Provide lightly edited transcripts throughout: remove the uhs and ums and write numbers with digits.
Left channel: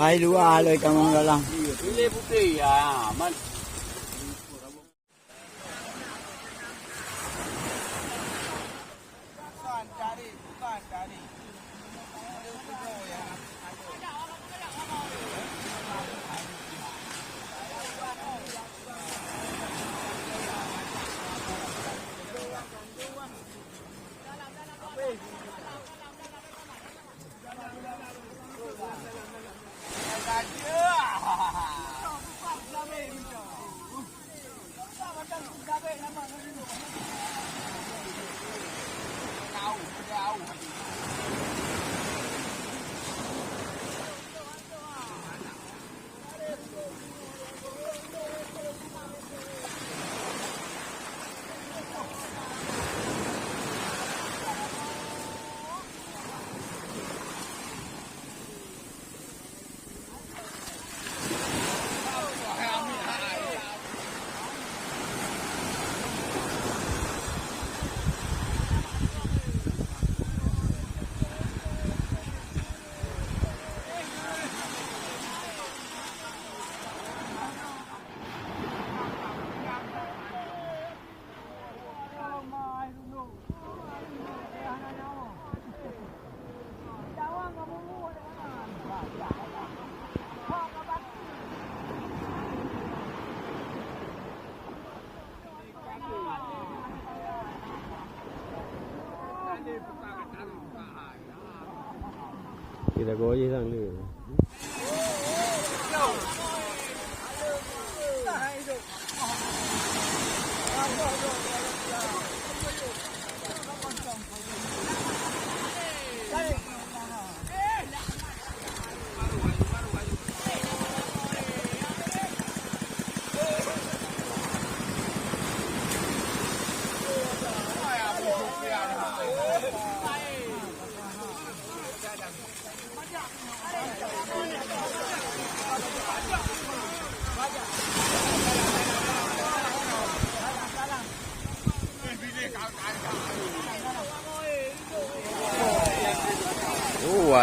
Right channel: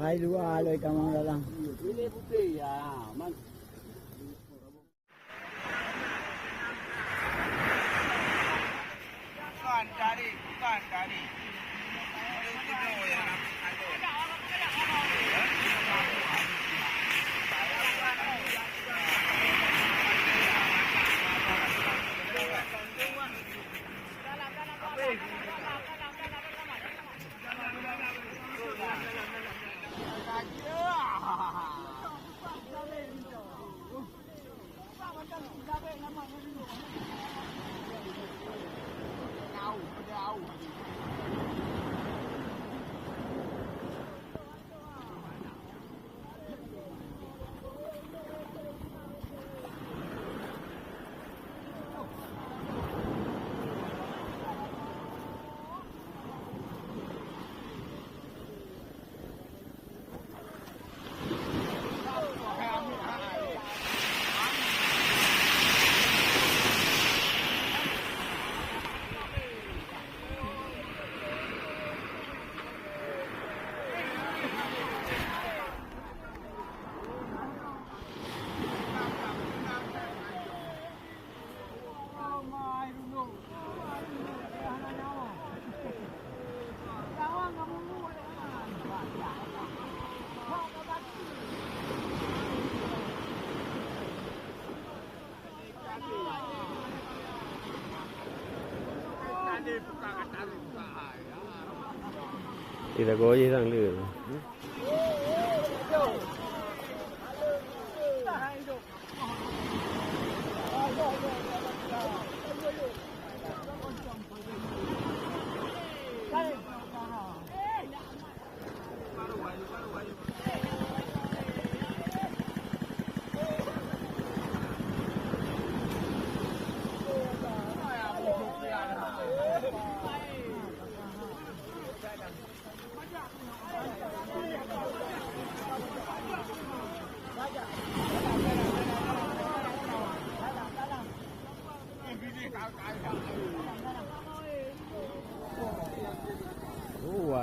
Hai duaเลยกำลังdalam. Pilih putih ya, man. Bukan cari. Kita có gì thằng lửa.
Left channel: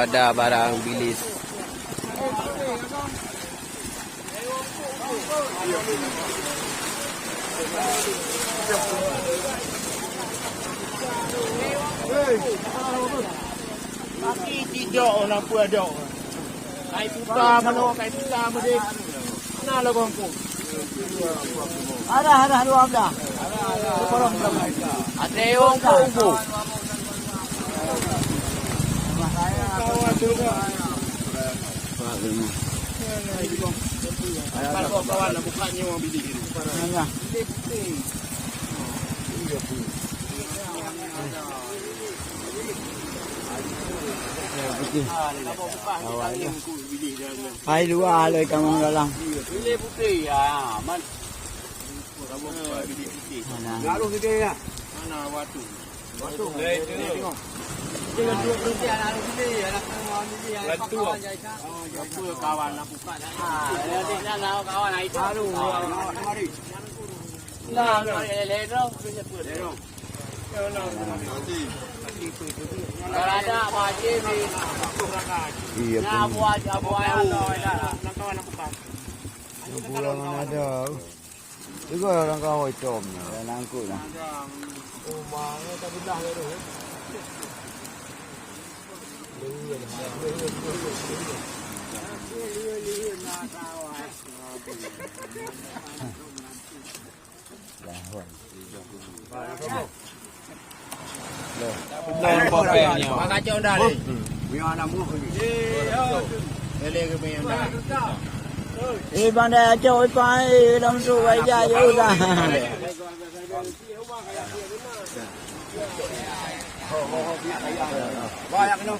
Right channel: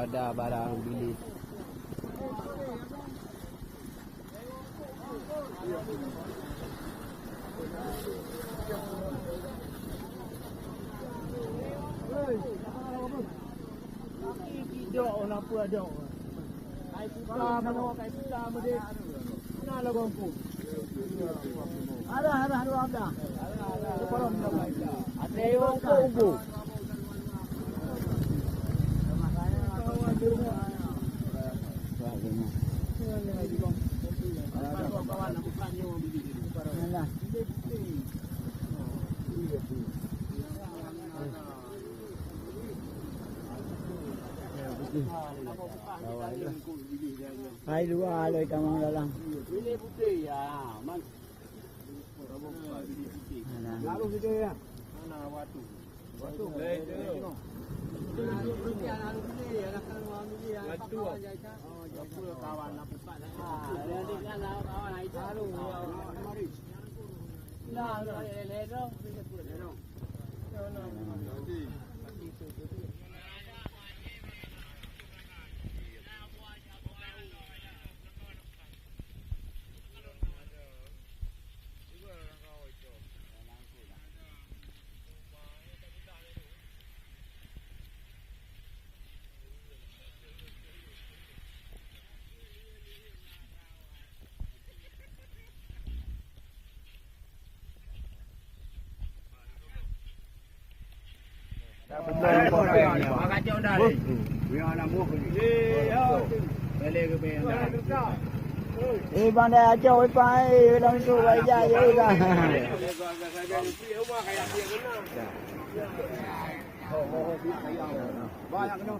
Ada barang bilis. Kaki tidak orang pun ada. Kai putar mana kai putar mudik. Mana lah kongku? Ada dua belah. Ada yang kongku. Kalau kawan nak bukanya orang bilik itu. Nah. Bilik putih. Hai duaเลยกำลังdalam. Bilik putih ya, man. Bilik putih. Lalu kita ya. Mana watu? Watu. Tengok. Jangan dua putih lalu sini ya, kawan ini ya. Watu. Apa kawan nak buka dah. Nanti nak kawan itu. Lalu mari. Nah, lelero bisa pun. Kalau ada wajib ni. Iya. Nah, buat nak kawan nak buka. Bulan ada. Juga orang kau hitam ya, nangkut lah. Rumahnya tak belah tu. Kacau dah ni. Biar anak muh ni. Lele ke biar dah. Bandai acau ipai dalam su aja ya udah. Banyak kena.